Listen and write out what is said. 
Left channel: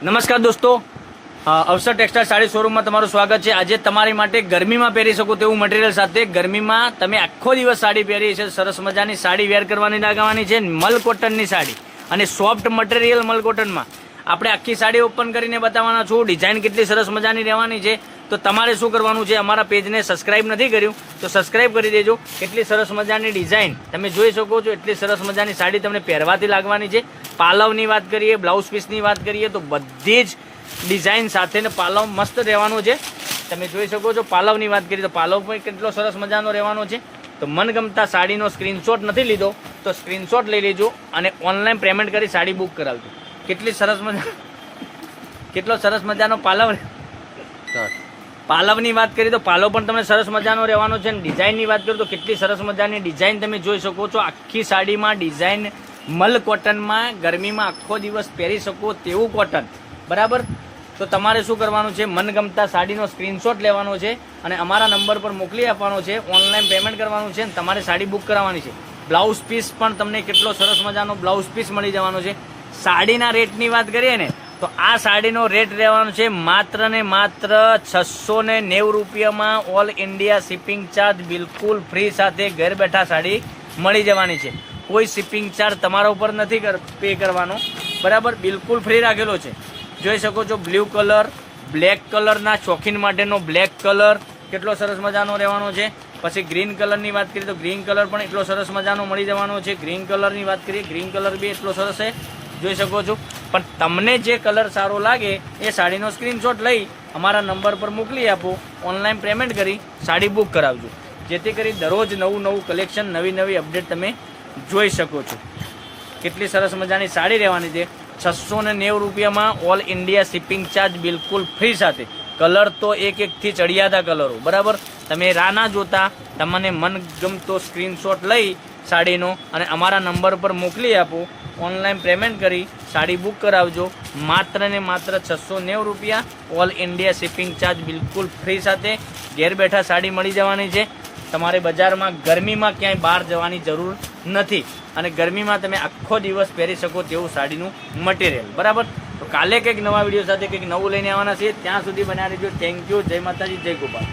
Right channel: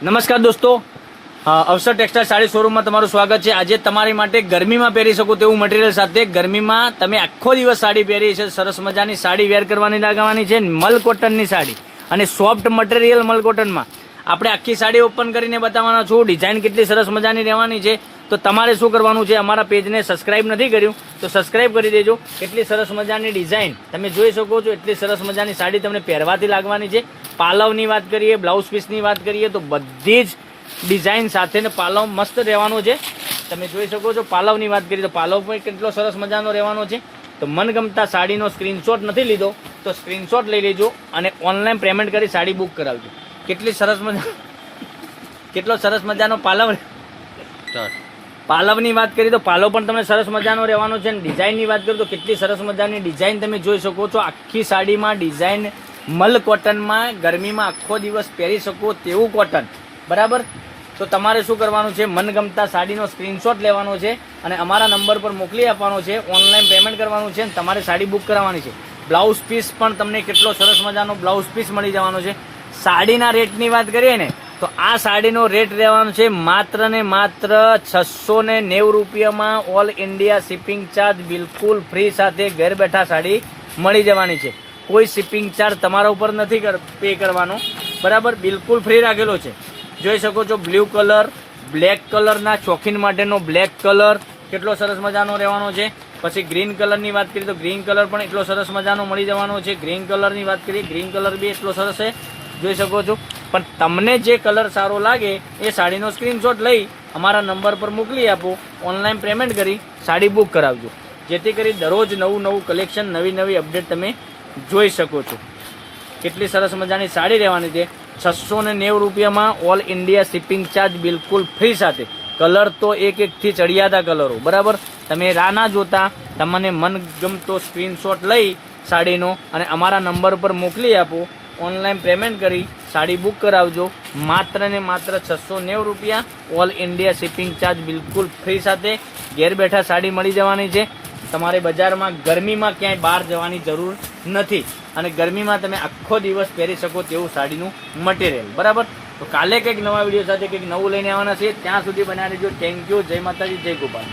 નમસ્કાર દોસ્તો, અવસર ટેક્સટાઇલ સાડી શોરૂમમાં તમારું સ્વાગત છે। આજે તમારી માટે ગરમીમાં પહેરી શકો તેવું મટીરિયલ સાથે ગરમીમાં તમે આખો દિવસ સાડી પહેરી છે, સરસ મજાની સાડી વેર કરવાની લાગવાની છે। મલ કોટનની સાડી અને સોફ્ટ મટીરિયલ મલ કોટનમાં આપણે આખી સાડી ઓપન કરીને બતાવવાના છું। ડિઝાઇન કેટલી સરસ મજાની રહેવાની છે, તો તમારે શું કરવાનું છે, અમારા પેજને સબસ્ક્રાઇબ નથી કર્યું તો સબસ્ક્રાઇબ કરી દેજો। એટલી સરસ મજાની ડિઝાઇન તમે જોઈ શકો છો, એટલી સરસ મજાની સાડી તમને પહેરવાથી લાગવાની છે। પાલવની વાત કરીએ, બ્લાઉઝ પીસની વાત કરીએ તો બધી જ ડિઝાઇન સાથે ને પાલવ મસ્ત રહેવાનો છે। તમે જોઈ શકો છો, પાલવની વાત કરીએ તો પાલવ પણ કેટલો સરસ મજાનો રહેવાનો છે। તો મનગમતા સાડીનો સ્ક્રીનશોટ નથી લીધો તો સ્ક્રીનશોટ લઈ લેજો અને ઓનલાઈન પેમેન્ટ કરી સાડી બુક કરાવજો। કેટલો સરસ મજાનો પાલવની વાત કરીએ તો પાલવ પણ તમને સરસ મજાનો રહેવાનો છે। અને ડિઝાઇનની વાત કરીએ તો કેટલી સરસ મજાની ડિઝાઇન તમે જોઈ શકો છો। આખી સાડીમાં ડિઝાઇન મલ કોટનમાં ગરમીમાં આખો દિવસ પહેરી શકો તેવું કોટન, બરાબર। તો તમારે શું કરવાનું છે, મનગમતા સાડીનો સ્ક્રીનશોટ લેવાનો છે અને અમારા નંબર પર મોકલી આપવાનો છે। ઓનલાઈન પેમેન્ટ કરવાનું છે અને તમારે સાડી બુક કરાવવાની છે। બ્લાઉઝ પીસ પણ તમને કેટલો સરસ મજાનો બ્લાઉઝ પીસ મળી જવાનો છે। સાડીના રેટની વાત કરીએ ને તો આ સાડીનો રેટ રહેવાનો છે માત્ર ને માત્ર 690 રૂપિયામાં। ઓલ ઇન્ડિયા શિપિંગ ચાર્જ બિલકુલ ફ્રી સાથે ઘર બેઠા સાડી મળી જવાની છે। કોઈ શિપિંગ ચાર્જ તમારા ઉપર નથી પે કરવાનો, બરાબર, બિલકુલ ફ્રી રાખેલો છે। જોઈ શકો છો, બ્લુ કલર, બ્લેક કલરના શોખીન માટેનો બ્લેક કલર કેટલો સરસ મજાનો રહેવાનો છે। પછી ગ્રીન કલરની વાત કરીએ તો ગ્રીન કલર પણ એટલો સરસ મજાનો મળી જવાનો છે। ગ્રીન કલરની વાત કરીએ, ગ્રીન કલર બી એટલો સરસ છે, જોઈ શકો છો। પણ તમને જે કલર સારો લાગે એ સાડીનો સ્ક્રીનશોટ લઈ અમારા નંબર પર મોકલી આપો, ઓનલાઈન પેમેન્ટ કરી સાડી બુક કરાવજો, જેથી કરી દરરોજ નવું નવું કલેક્શન, નવી નવી અપડેટ તમે જોઈ શકો છો। કેટલી સરસ મજાની સાડી રહેવાની છે 690 રૂપિયામાં। ઓલ ઇન્ડિયા શિપિંગ ચાર્જ બિલકુલ ફ્રી સાથે। કલર તો એકથી ચડિયાતા કલરો, બરાબર। તમે રાહ ના જોતા, તમને મનગમતો સ્ક્રીનશોટ લઈ સાડીનો અને અમારા નંબર પર મોકલી આપો, ઓનલાઈન પેમેન્ટ કરી સાડી બુક કરાવજો। માત્ર ને માત્ર 690 રૂપિયા। ઓલ ઇન્ડિયા શિપિંગ ચાર્જ બિલકુલ ફ્રી સાથે ઘેર બેઠા સાડી મળી જવાની છે। તમારે બજારમાં ગરમીમાં ક્યાંય બહાર જવાની જરૂર નથી અને ગરમીમાં તમે આખો દિવસ પહેરી શકો તેવું સાડીનું મટીરિયલ, બરાબર। તો કાલે કંઈક નવા વિડીયો સાથે કંઈક નવું લઈને આવવાના છે, ત્યાં સુધી બનાવી દેજો। થેન્ક યુ, જય માતાજી, જય ગોપાલ।